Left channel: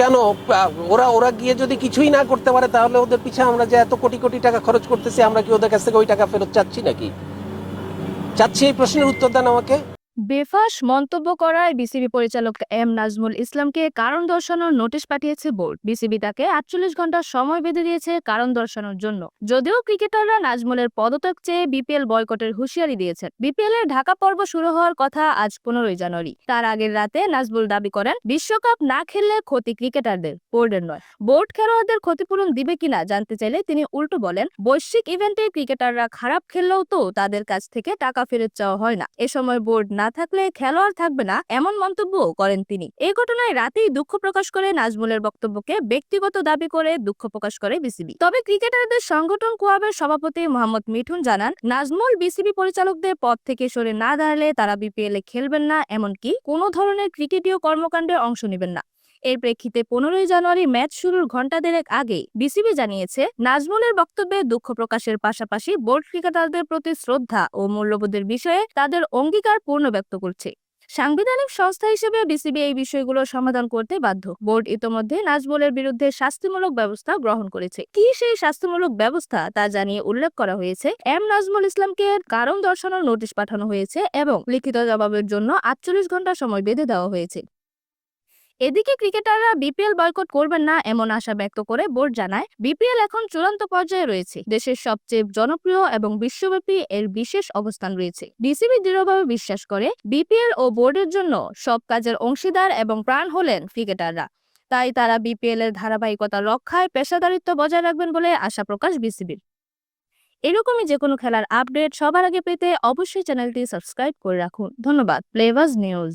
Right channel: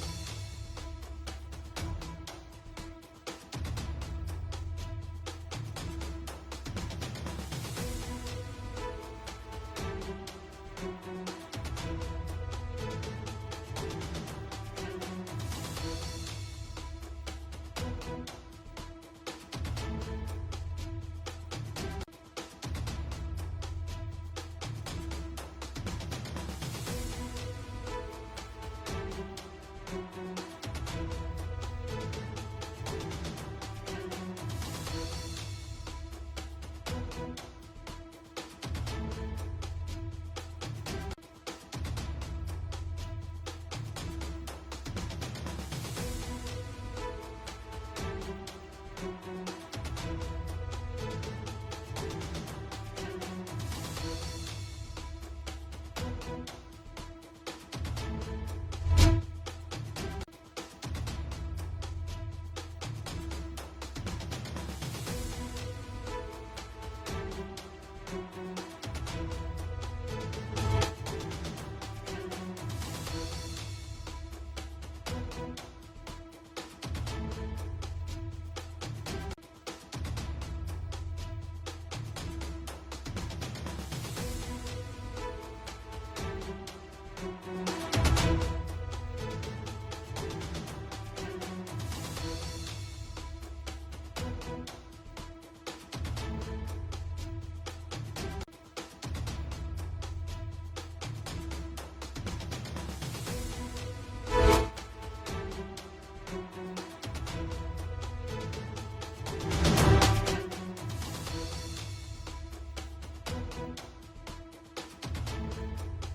কেন? ওরা ওরা গিয়ে যদি কিছুই না করতে পারে, তাহলে ওদের পিছে আমরা যে এত কোটি কোটি টাকা খরচ করতেছি, আমরা কি ওদের কাছ থেকে ওই টাকা ফেরত চাচ্ছি নাকি? চাচ্ছি এই প্রশ্নের উত্তর দেন আমাকে। বেফাস মন্তব্য করায় বিসিবি পরিচালক এম নাজমুল ইসলামকে কারণ দর্শানোর নোটিশ পাঠিয়েছে বোর্ড। বিসিবি তাকে আটচল্লিশ ঘণ্টা সময় বেঁধে দিয়েছে কারণ দর্শানোর জন্য। যদিও ক্রিকেটাররা নাজমুলের পদত্যাগ চেয়ে বিপিএল বয়কটের হুঁশিয়ারি দিয়েছেন। বিপিএল এর ঢাকা পর্ব শুরু হওয়ার কথা আজ পনেরোই জানুয়ারি। তার আগের রাতে নাজমুল দাবি করেন, বিশ্বকাপ না খেললে ক্ষতি ক্রিকেটারদের, বোর্ডের নয়। বোর্ড খেলোয়াড়দের ক্ষতিপূরণ দিবে কিনা জানতে চাইলে তিনি উল্টো বলেন, বৈশ্বিক ইভেন্টে ক্রিকেটাররা খারাপ খেললেও তো তাদের কাছ থেকে টাকা ফেরত চাওয়া হয় না। এ সময় বোর্ড না থাকলে খেলোয়াড় থাকবে না এমন মন্তব্য করেন তিনি। এ ঘটনায় রাতেই দুঃখ প্রকাশ করে নাজমুলের বক্তব্যকে ব্যক্তিগত দাবি করে দুঃখ প্রকাশ করে বিসিবি। তবে ক্রিকেটারদের সংগঠন কোয়াবের সভাপতি মোহাম্মদ মিঠুন জানান, নাজমুল বিসিবি পরিচালকদের পদ থেকে সরে না দাঁড়ালে তারা বিপিএল খেলবেন না, এমনকি কোনো ধরনের ক্রিকেটীয় কর্মকাণ্ডে অংশ নেবেন না। এর প্রেক্ষিতে পনেরোই জানুয়ারি ম্যাচ শুরুর ঘণ্টা দেড়েক আগে বিসিবি জানিয়েছে, নাজমুলের বক্তব্যে দুঃখ প্রকাশের পাশাপাশি বোর্ড ক্রিকেটারদের প্রতি শ্রদ্ধা ও মূল্যবোধের বিষয়ে তাদের অঙ্গীকার পূর্ণ ব্যক্ত করছে। সাংবিধানিক সংস্থা হিসেবে বিসিবি এই বিষয়গুলো সমাধান করতে বাধ্য। বোর্ড ইতোমধ্যে নাজমুলের বিরুদ্ধে শাস্তিমূলক ব্যবস্থা গ্রহণ করেছে। কি সেই শাস্তিমূলক ব্যবস্থা তা জানিয়ে উল্লেখ করা হয়েছে। এম নাজমুল ইসলামকে কারণ দর্শানোর নোটিশ পাঠানো হয়েছে এবং লিখিত জবাবের জন্য আটচল্লিশ ঘণ্টা সময় বেঁধে দেওয়া হয়েছে। এদিকে ক্রিকেটাররা বিপিএল বয়কট করবেন না এমন আশা ব্যক্ত করে বোর্ড জানায়, বিপিএল এখন চূড়ান্ত পর্যায়ে রয়েছে। দেশের সবচেয়ে জনপ্রিয় এবং বিশ্বব্যাপী এর বিশেষ অবস্থান রয়েছে। বিসিবি দৃঢ়ভাবে বিশ্বাস করে, বিপিএল ও বোর্ডের জন্য সব কাজের অংশীদার এবং প্রাণ হলেন ক্রিকেটাররা। তাই তারা বিপিএল এর ধারাবাহিকতা রক্ষায় পেশাদারিত্ব বজায় রাখবেন বলে আশা প্রকাশ বিসিবি এরকমই যে কোনো খেলার আপডেট সবার আগে পেতে অবশ্যই চ্যানেলটি সাবস্ক্রাইব করে রাখুন। ধন্যবাদ। Flavours news.